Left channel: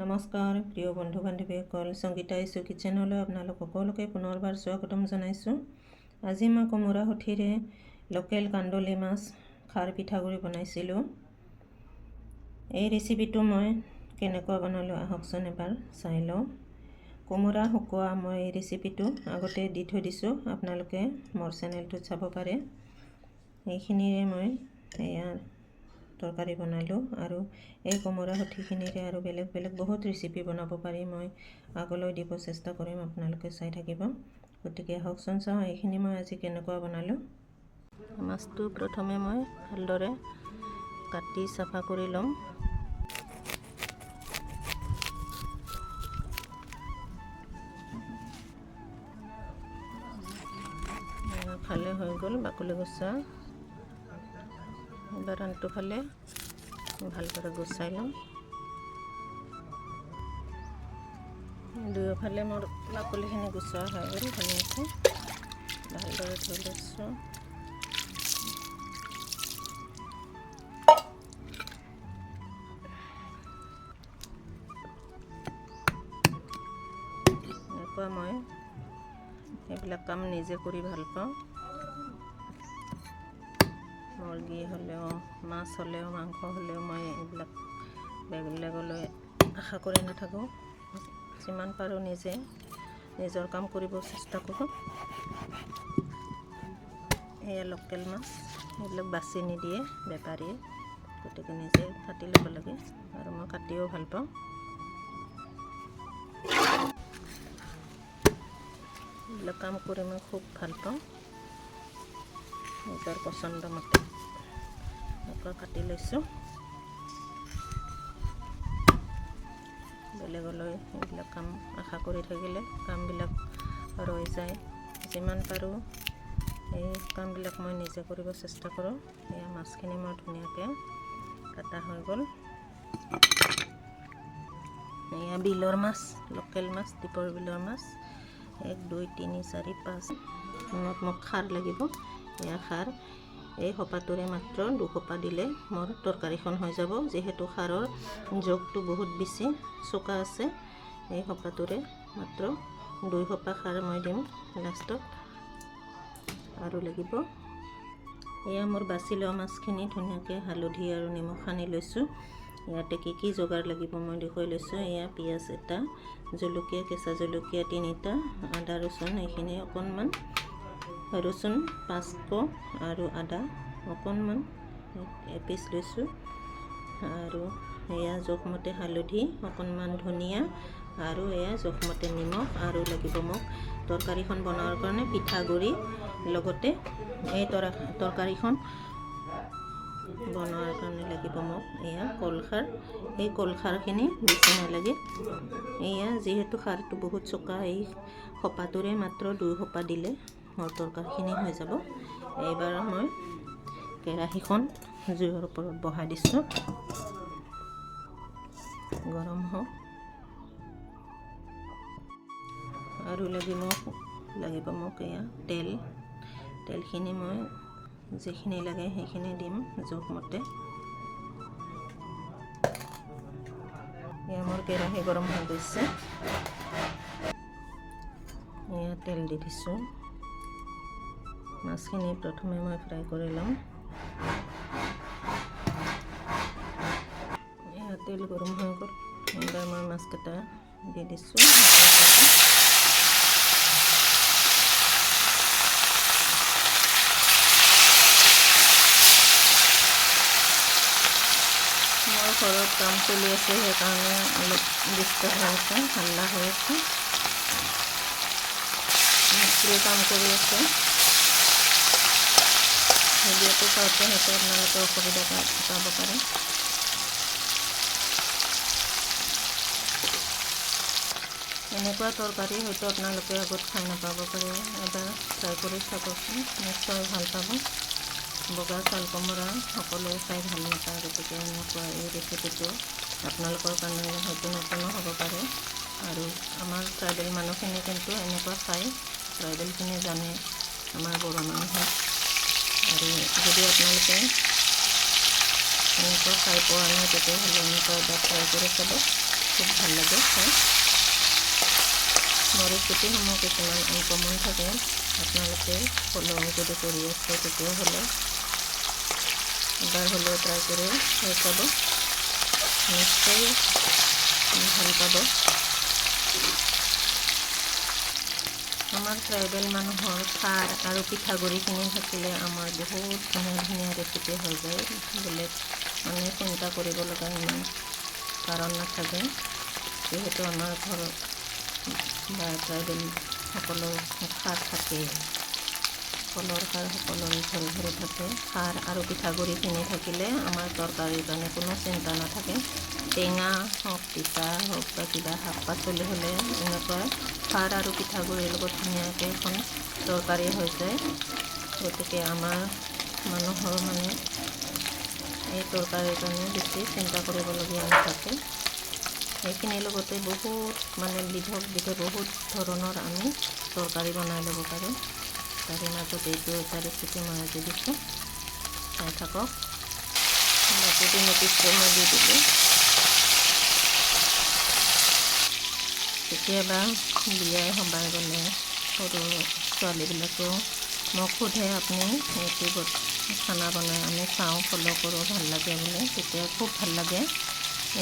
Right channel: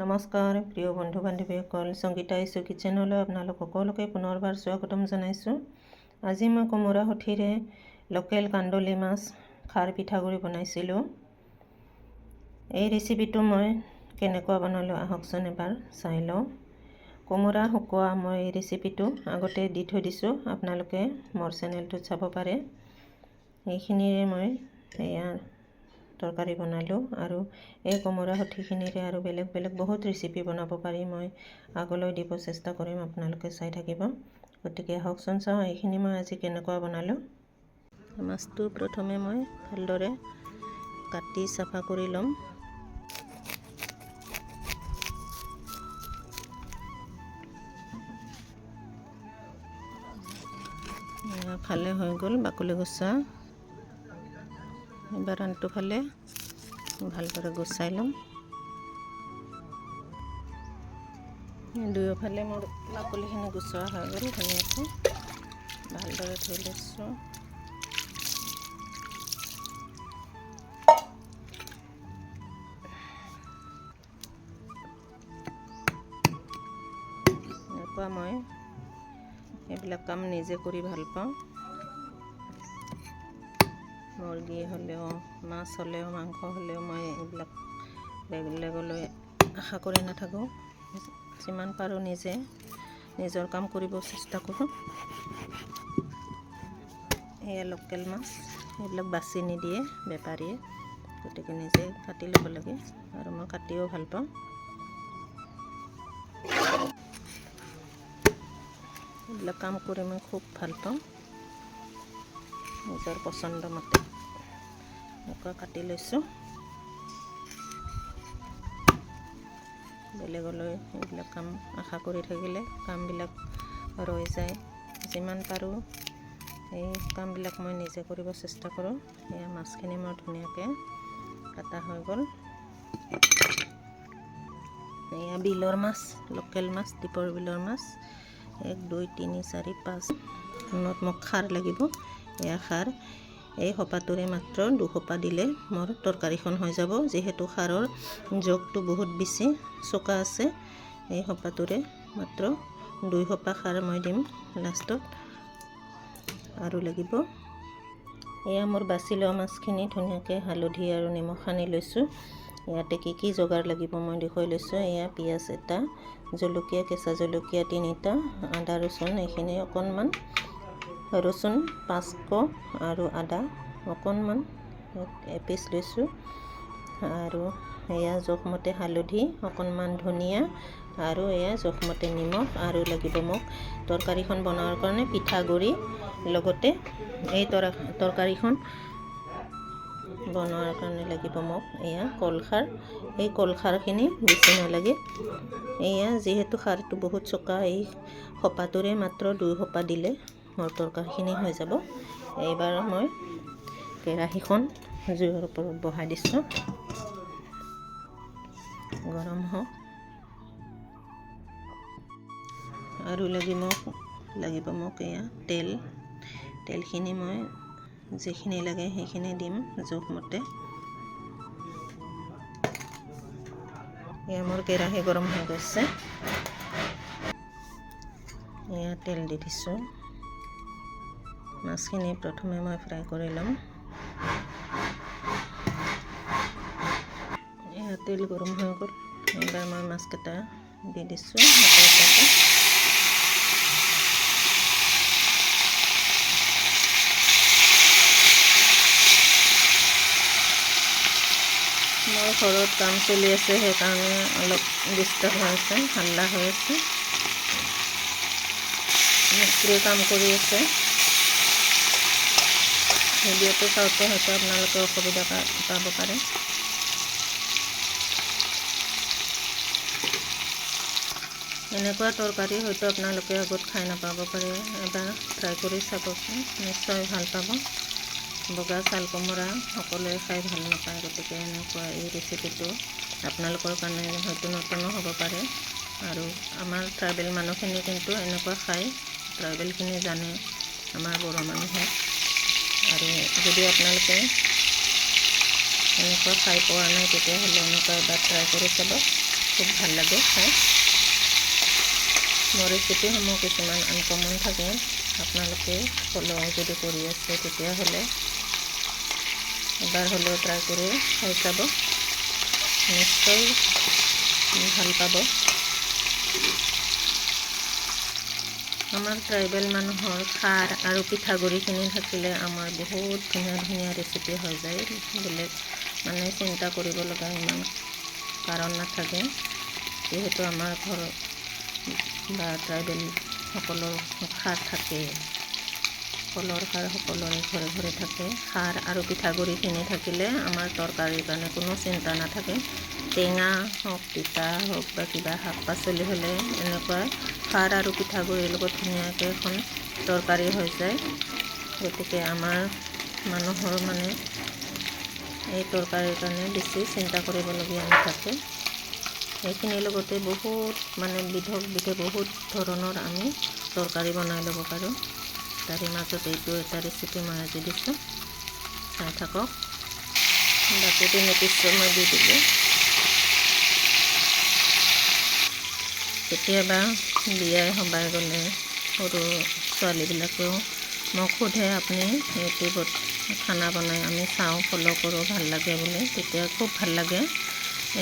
নমস্কাৰ প্ৰিয় বন্ধু বান্ধৱীসকল, সংগীতা ইছু কিচেনলৈ আপোনালোক সকলোকে পুনৰবাৰ স্বাগতম জনাইছোঁ। আজি মই কোমোৰা সঠিৰে লোকেল কান্দুলি মাছ খাৰ পিঠাগুড়ি বনাইছিলোঁ। এই ৰেচিপিটো মই কেনেকুৱা বনালোঁ আহকচোন এবাৰ চাই লওঁ। কোমোৰা শুকোৱা মই এই ৰেচিপিটো আগতে দি থৈ দিছোঁ, আপোনালোকে মোৰ চেনেলটোত চাব পাৰে। এইখিনিৰে মই এয়া তৰকাৰী বনালোঁ আৰু এই কোমোৰা সঠিখিনিৰে আৰু বেলেগ বেলেগ বহুত ৰেচিপি বনাব পাৰি। মই আগলৈ দিব চেষ্টা কৰিম, আপোনালোকে চাই থাকিব। গতিকে আহকচোন চাওঁ এইখিনি মই আজি কেনেকুৱা বনালোঁ। মাছটো প্ৰথমে মই ভালদৰে কাটি চাফা কৰি ল'ম। ফালে হৈ গ'ল বাকলি গুচা। এবাৰ আনটো ফালে ভালদৰে গুচাই ল'ম। দুয়োফালে মোৰ বাকলিখিনি গুচোৱা হৈ গ'ল। ধুনীয়াকৈ ভালদৰে ধুই লৈছোঁ। এনেকুৱা মই এইবিলাক কাম নিজে কৰি ভাল পাওঁ। মুৰ্গী হ'লেও, মাছ হ'লেও, মাংস হ'লেও মই এইবিলাক বেলেগলৈ আশা কৰি নাথাকোঁ। যিমান পাৰোঁ নিজে নিজৰ কাম কৰিব চেষ্টা কৰোঁ। এয়া লোকেল মাছ, এইবিলাক বাছি নিদিয়ে বেপাৰীয়ে, গতিকে নিজে কাটি ল'ব লাগে আৰু মই কাটিও ভাল পাওঁ। এইবিলাক কাম কৰি মই খুব ভাল পাওঁ। নিজৰ পচন্দ মতে এনেকৈ কাটি লৈছোঁ। বেলেগলৈ এইবিলাক কাম আশা কৰি থাকিলে কামবিলাক ৰৈ যায়। যিমান পাৰোঁ এই কামবিলাক মই নিজে কৰিব চেষ্টা কৰোঁ। এয়া মাছখিনি মোৰ ধুনীয়াকৈ কাটা হৈ গ'ল। এয়া বিলৰ মাছ, লোকেল মাছ, দীপৰ বিলৰ মাছ। 1 2 3 4 5 মোক খাৰ লাগিব। এয়া খাৰ, এই সোপাটোৰে মাত্ৰ 2 সোপা দিলে মোৰ তৰকাৰীখন হৈ যাব। যিহেতু খাৰৰ জোখটো বহুত বেছি চোকা আছে, এই সোপাটোৰে মাত্ৰ 2 সোপা খাৰ মই দিম লাষ্টত। আৰু লাগিব এয়া মোৰ বাছি লোৱা মাছখিনি ধুনীয়াকৈ হালধি আৰু নিমখ সানি লৈছোঁ। ইয়াতে কি যোগাৰ লাগিব মই দেখুৱাই লৈছোঁ। এয়া পিঁয়াজ এটা, জলকীয়া, কেঁচা জলকীয়া 3টা, আদা ৰচুন এইখিনি অকণমান, ৰচুন 5 ক আৰু আদা অকণমান এপিচ লৈছোঁ। আৰু এয়া জোখমতে হালধি, অকণমান ধনিয়া আৰু এয়া জোখমতে নিমখ। আৰু লাগিব মোক তৰকাৰীখন বনোৱাৰ কাৰণে পিঠাগুড়ি, লগতে এই তৰকাৰীখন বনোৱাৰ কাৰণে লাগিব মোক এয়া কলখাৰ। এই কলখাৰখিনি বেছি নালাগে। এয়া যিহেতু খাৰটো বহুত চোকা, এই সোপাটোৰে মাত্ৰ 2 সোপা দিলে মোৰ তৰকাৰীখিনি হৈ যাব। এইবাৰ মই কেৰাহীখন জুইৰ ওপৰত বহাই দিছোঁ, গৰম হওক। আৰু লাগিব মোক এয়া তেলখিনি মই যিখিনি লাগে সেইখিনি দিম জোখমতে। এয়া মোৰ কেৰাহী গৰম হৈ গৈছে। এয়া তেল দি দিছোঁ। মাছখিনি প্ৰথমে মই ফ্ৰাই কৰি ল'ম। এয়া তেল গৰম হৈ গ'ল। এইবাৰ মই মাছকেইটা দি দিছোঁ। মোৰ ঘৰত কাম চলি আছে, সেইকাৰণে অলপ ডিষ্টাৰ্ব হৈ আছে, হাল্লা হৈ আছে। মিস্ত্ৰী কাম কৰি আছে। ভিডিঅ'টো চাওঁতে হয়তো আপোনালোকে অসুবিধা পাব পাৰে। এনেকুৱা তৰকাৰী হয়তো আপোনালোকে আগত খাই নাপাব পাৰে। এবাৰ ট্ৰাই কৰি চাবচোন, নিশ্চয় ভাল পাব। বগা চাল কোমোৰা সকলোৱে খাই ভাল নাপায়, গতিকে এনেকুৱা এই ৰেচিপিটো আপোনালোকৰ কাৰণে হয়তো নতুনো হ'ব পাৰে। আৰু আমাৰ ট্ৰাইবেল মানুহখিনি কিন্তু এনেকুৱা খায়, ট্ৰাইবেলখিনি জানে আমাৰ বড়ো মানুহে। আৰু যদি আপোনালোকে এনেকুৱা খাই পোৱা নাই তেতিয়াহ'লে এনেকুৱা এবাৰ ট্ৰাই কৰি চাব। খুব ভাল লাগে খাই। মোৰ ৰেচিপিসমূহ কিছুমান আনকমন থাকে, আপোনালোকে ফ'ল' যদি কৰি আছে তেতিয়াহ'লে এবাৰ হ'লেও ট্ৰাই কৰি খাই চাব, নিশ্চয় ভাল পাব। আমাৰ ট্ৰাইবেল মানুহৰ খাৰ আৰু পিঠাগুড়িখিনি থাকিলে আমাৰ বহুত ধুনীয়া ধুনীয়া ৰেচিপি হৈ যায়। বেলেগ মানে চিন্তা কৰিব লগা ইমান কাৰণ নাথাকে, যিহেতু আমাৰ ঘৰত বা ট্ৰাইবেলসকলৰ খাৰ থাকে, কলৰ খাৰ সকলোৰে ঘৰে ঘৰে থাকে। খাৰ আৰু পিঠাগুড়িখিনি থাকিলে আমাৰ তৰকাৰীৰ কাৰণে কোনো চিন্তা নাথাকে। টেঙা হওক, তিতা হওক বা কিবা শাক পাচলি হ'লে এনেকুৱা খাৰ আৰু পিঠাগুড়িৰ লগত ধুনীয়াকৈ এখন তৰকাৰী হৈ যায়। গতিকে আমাৰ মানুহৰ মানে এই তৰকাৰীৰ কাৰণে বেছি চিন্তা কৰিবলগীয়া নাথাকে। এইখিনিৰ লগতে বহুত মানে বিধে বহুত ধৰণৰ আমি তৰকাৰী বনাই ল'ব পাৰোঁ। তাৰে মাজত এইটো এটা ৰেচিপি মই আজি দিছোঁ, চাই থাকক। বাকী 3 পিচটো মই দি দিলোঁ। কেতিয়াবা বিয়াই সবাই গ'লে সৰু ছোৱালীবিলাকেও মোক সোধে, আপুনি ইউটিউবত খানা বনাই আমি চাওঁ, ফ'ল' কৰোঁ, ভাল লাগে বুলি। তেতিয়া খুব ভাল লাগে।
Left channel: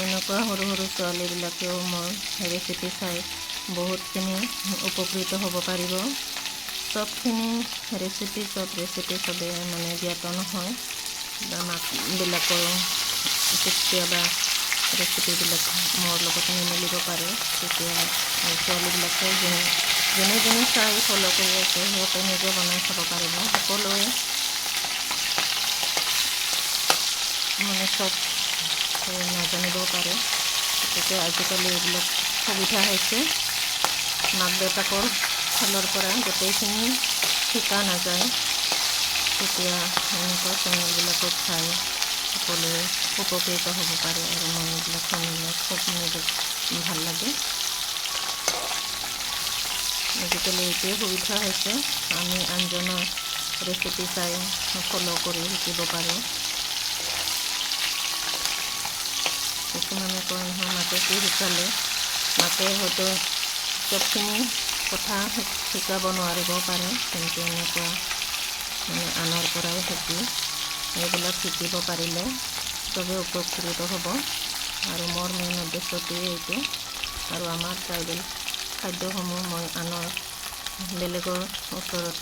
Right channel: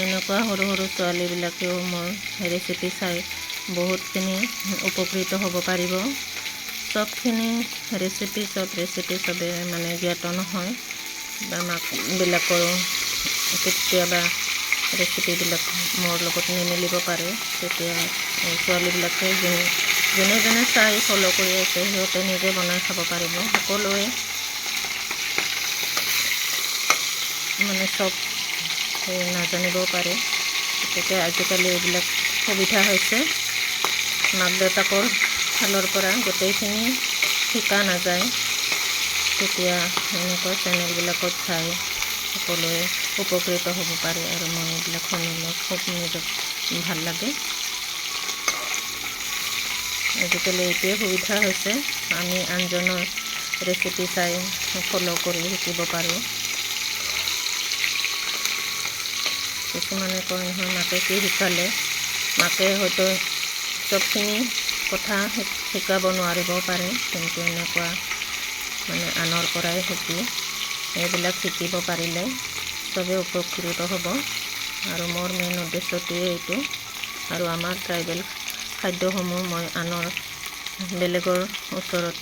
এনেকুৱা সৰু সৰু ছোৱালীবিলাকেও মোৰ ৰেচিপি চাই বহুতখিনি উপকৃত হ'ব পাৰিব। চবখিনি ৰেচিপি চবে মানে জ্ঞাত নহয়, বা মাকবিলাকৰ কেতিয়াবা ৰেচিপিবিলাক মোৰ লগত নিমিলিব পাৰে। তেতিয়া ছোৱালীবিলাকে যোনে যোনে চাই ফ'ল' কৰি আছে সিহঁতে নিজে বনাই খাব পাৰিব। সকলোৱে মানে চব নাজানিবও পাৰে। গতিকে আজিকালি এইবিলাক সুবিধা হৈছে, মাক দেউতাকৰ ফালৰ পৰা গোটেইখিনি শিকা নাযায়। তেতিয়া এনেকুৱা চেনেলবিলাকত চাই সকলোৱে উপকৃত হ'ব পাৰে, আৰু মই এইবিলাক শুনিলে খুব নিজক ভাল লাগে। আজিকালি এইটোৱে সুবিধা হৈছে, আমি আনজনৰ ৰেচিপি চাই ফ'ল' কৰি শিকিব পাৰোঁ। কিছুমানে কয় নহয়, মাকে কি শিকালে, মাকে হয়তো চবখিনি কথা শিকাব নোৱাৰিবও পাৰে, কিন্তু এনেকুৱা মানে আনৰ পৰাই শিকি এইবিলাক শিকিব পাৰিলে চবেই উপকৃত হ'ব। আৰু মোৰ মেইন উদ্দেশ্যটোৱে এইটো। আৰু আমাৰ ট্ৰাইবেল খাদ্যসমূহ মই আনৰ বেলেগৰ ওচৰত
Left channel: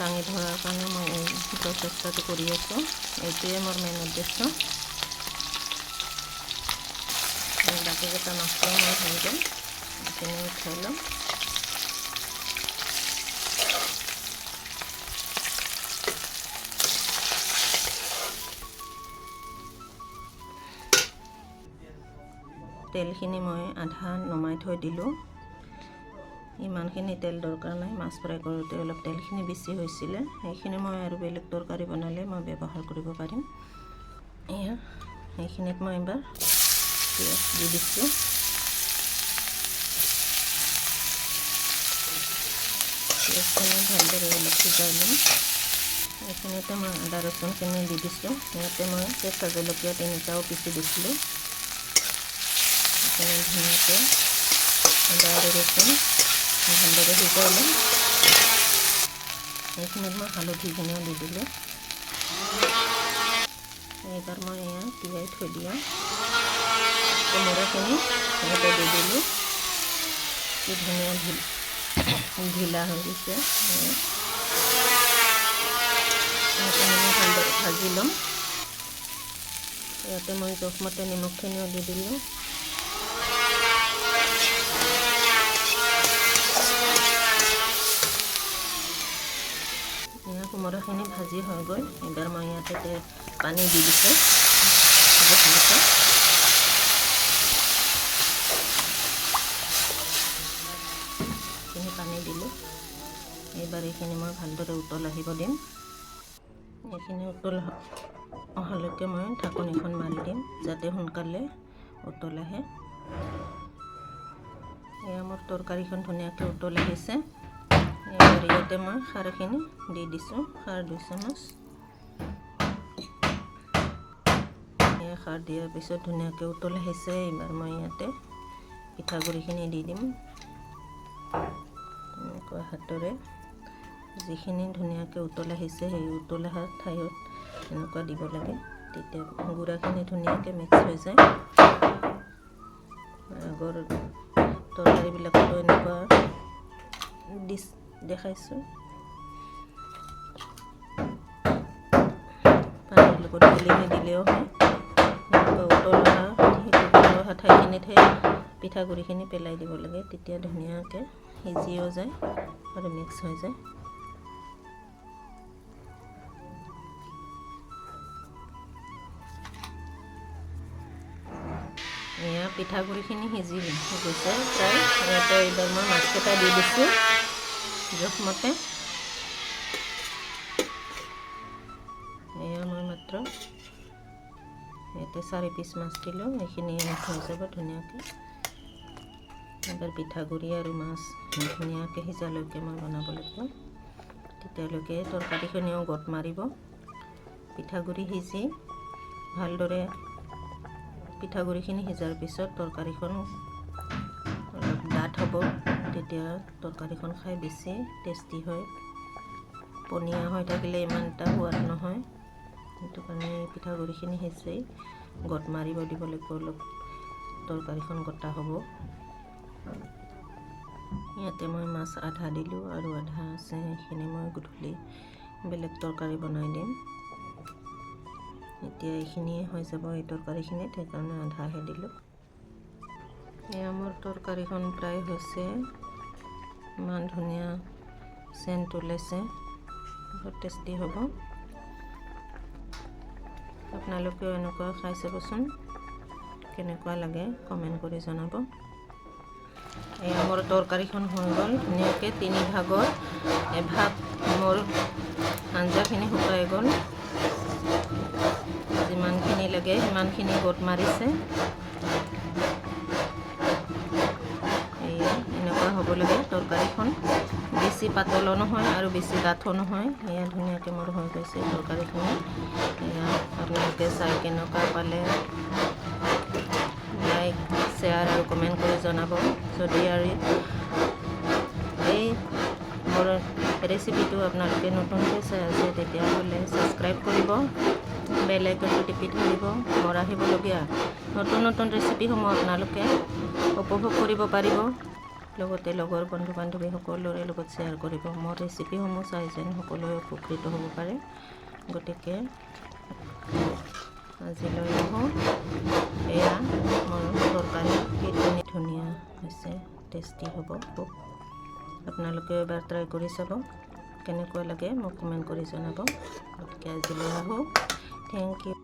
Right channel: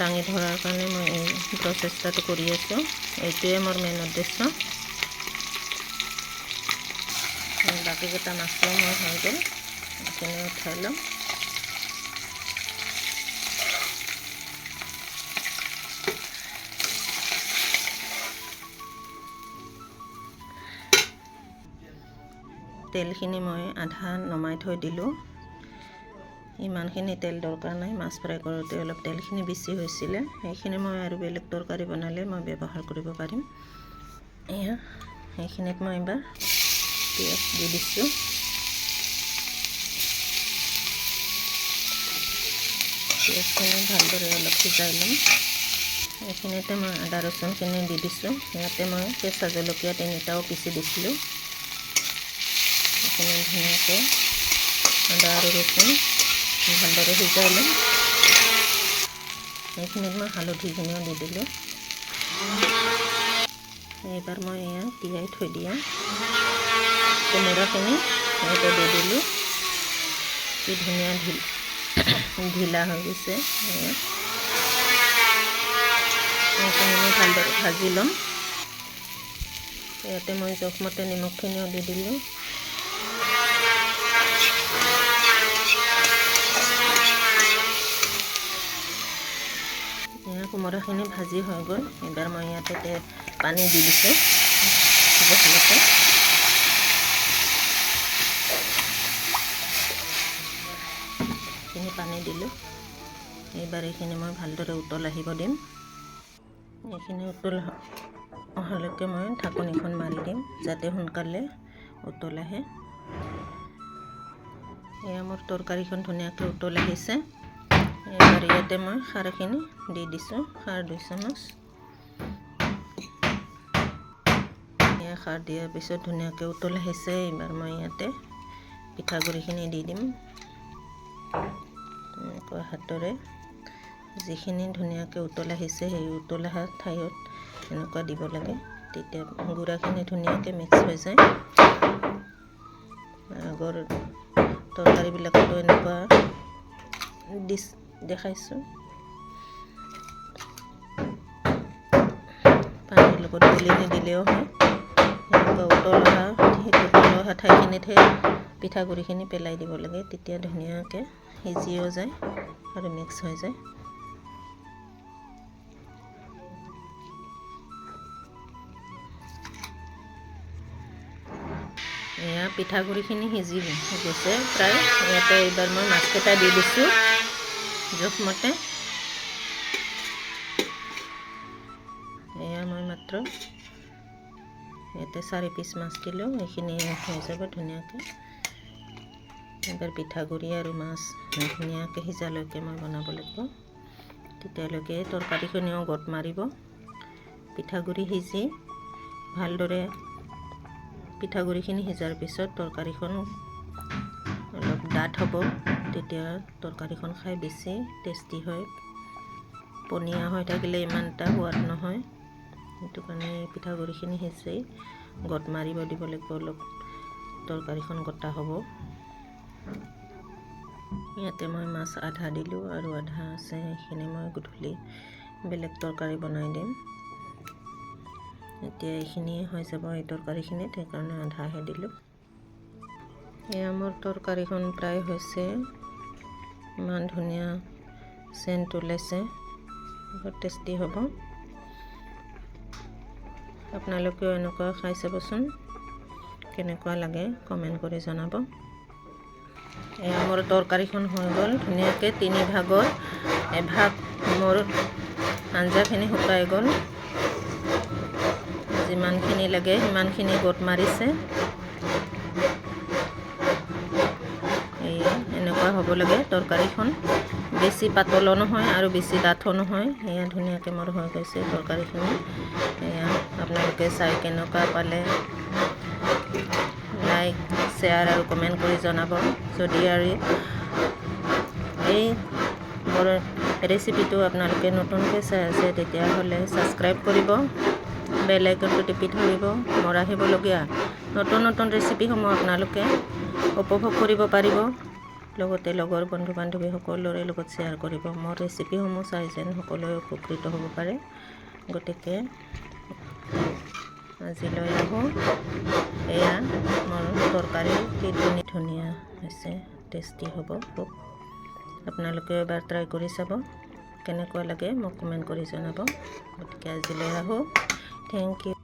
দাঙি ধৰাৰ কাৰণে মই এই প্ৰচেষ্টাটো কৰি আছোঁ। এইটোৱে মোৰ মেইন উদ্দেশ্য। বাকীকেইটা মাছটো মই হৈ গ'ল, এইখিনি উঠাই ল'ম। তেলখিনি মই আধা নমাই থৈ দিলোঁ। ইমানখিনি তেল দৰকাৰ নাই, মাছ ফ্ৰাই কৰোঁতে অলপ তেলখিনি বেছি হৈছিলে, সেইখিনি মই আৰু বেলেগ তৰকাৰী বনালে মই ব্যৱহাৰ কৰিব পাৰিম। এয়া সেইখিনিত মই এবাৰ পিঁয়াজ দি দিছোঁ। পিঁয়াজখিনি ভালদৰে অলপ সিজাই ল'ম। এইখিনিতে মই আদা ৰচুনখিনি দি দিছোঁ। ইয়াতে মই কেঁচা জলকীয়া 3টাও পিচি দিছিলোঁ। এইখিনি ধুনীয়াকৈ আদা আৰু ৰচুন ভালদৰে সিজাই ল'ম। এইখিনিত মই হালধিখিনিও দি দিলোঁ। এইবাৰ মই এয়া তিয়াই থৈ দিয়া কোমোৰাখিনি ইয়াতে দি দিলোঁ। কি ধুনীয়া ঢিলা হৈ গৈছে। এইখিনি মই ভালদৰে ভাজি ল'ম। ইয়াতে মই জোখমতে নিমখখিনিও দি দিলোঁ। কোমোৰাখিনি ভাজি হৈ গ'ল। এবাৰ মই ইয়াতে পানী দি দিছোঁ জোখমতে। এইখিনি পানী দিলোঁ। এইবাৰ এইখিনি মই ভালদৰে উতল আহিব দিম। এইখিনি উতল অহালৈকে মই ঢাকনিখন মাৰি দিম, যাতে সোনকালে উতল আহে। এয়া মোৰ তৰকাৰীখন ধুনীয়াকৈ উতল আহিছে। এইবাৰ ইয়াতে মই খাৰখিনি দি দিছোঁ, খাৰ 2 চামুচ। খাৰ দিয়াৰ পিছত ধুনীয়াকৈ উতল আহিছে। এইবাৰ মই ইয়াতে পিঠাগুড়িখিনি দি দিম। এনেকুৱা হাতেৰে যিখিনি ধুনীয়াকৈ উতল আহিছে সেই উতল অহা ঠাইত এনেকুৱা দিব লাগে, তেতিয়া গুড়াখিনি ধুনীয়াকৈ মিক্স হৈ যায়। আগৰ তৰকাৰীবিলাকতো এনেকুৱা ডিছ দেখাইছোঁ। পানীৰ লগত গুলি নিদিলেও হয়। এনেকুৱা উতল অহা ঠাইখিনিতহে পিঠাগুড়িখিনি পেলাই দিব লাগে, তেতিয়া ধুনীয়াকৈ সিজিও যায় আৰু মিক্স হৈ যায়। এয়া পিঠাগুড়িখিনি সিজিছে প্ৰায়। ইয়াতে এইবাৰ মই মাছকেইটা দি দিছোঁ জোখমতে। এয়া মই মাত্ৰ ইয়াতে 4 পিচ মাছ দিলোঁ, এইখিনি হৈ যাব ধুনীয়াকৈ। এবাৰ পিঠাগুড়ি আৰু মাছ ধুনীয়াকৈ সিজালৈকে মই বনাব লাগিব, তেতিয়ালৈকে তৰকাৰীখিনিও গোট মাৰিব। পিঠাগুড়ি সিজি ভালদৰে পিঠাগুড়িখিনি সিজাৰ পিছত তৰকাৰীখন অলপ ডাঠ হ'ব, তেতিয়া তৰকাৰীখন খাই বেছি টেষ্টি হয়। পনীয়া হৈ থাকিলে ইমান এটা সোৱাদ নহয়, সেইটো কাৰণে পিঠাগুড়িখিনি সিজি গোট মাৰিব দিব লাগিব, অলপ তৰকাৰীখন গোটা হ'ব। ইয়াতে মই মাছ আধা দিলোঁ আৰু আধা আছে, সেইখিনি মই গধূলি বেলেগ তৰকাৰী বনাই দিম। এতিয়া এইখিনিয়ে হৈ যাব এই তৰকাৰীখিনিত, সেইকাৰণে আধাহে দিলোঁ। এয়া মোৰ তৰকাৰীখন প্ৰায় হৈছে, ইমান ধুনীয়া চেণ্ট ওলাইছে, বহুত টেষ্টি হ'ব। আপোনালোকেও এনেকুৱা খাই চাবচোন, কেনেকুৱা লাগে কমেণ্ট কৰি জনাব। এয়া মোৰ তৰকাৰীখন হৈ গ'ল ধুনীয়াকৈ, 3 ভাগৰ এভাগ মোৰ আঞ্জাখিনি শুকাই গ'ল। যিমানখিনি লাগে সিমানখিনি গোট মাৰিছে। এনেকুৱা হ'ব লাগে তৰকাৰীখন, বেছি পাতলো নহয় আৰু বেছি ডাঠো নহয়। এয়া ধুনীয়াকৈ মোৰ হৈ গৈছে তৰকাৰীখিনি। এয়া আপোনালোকে চাই কেনেকুৱা পালে লাইক, শ্বেয়াৰ আৰু কমেণ্ট কৰি জনাব। যদি আৰু এই মোৰ ৰেচিপিটো আপোনালোকে নতুনকৈ চাই আছে তেতিয়াহ'লে ছাবস্ক্ৰাইব কৰিব, বেল আইকনটো টিপি ধৰিব। মোৰ আহিবলগীয়া নতুন নতুন ৰেচিপিসমূহ আপোনালোকে উপভোগ কৰিব পাৰিব। লগতে লগৰ বন্ধু বান্ধৱী সকলোৰে লগত শ্বেয়াৰ কৰিব। মোৰ ৰেচিপিসমূহ চাই যেন সকলোৱে উপকৃত হ'ব পাৰে। গতিকে আজিলৈ আহোঁ। এয়া মোৰ তৰকাৰী কি ধুনীয়া হৈছে, টেষ্টি হ'ব খুব। আপোনালোকে এবাৰ ট্ৰাই কৰি চাব, কেনেকুৱা লাগে মোক কমেণ্ট কৰি জনাব। গতিকে আজিলৈ আহোঁ। Thank U.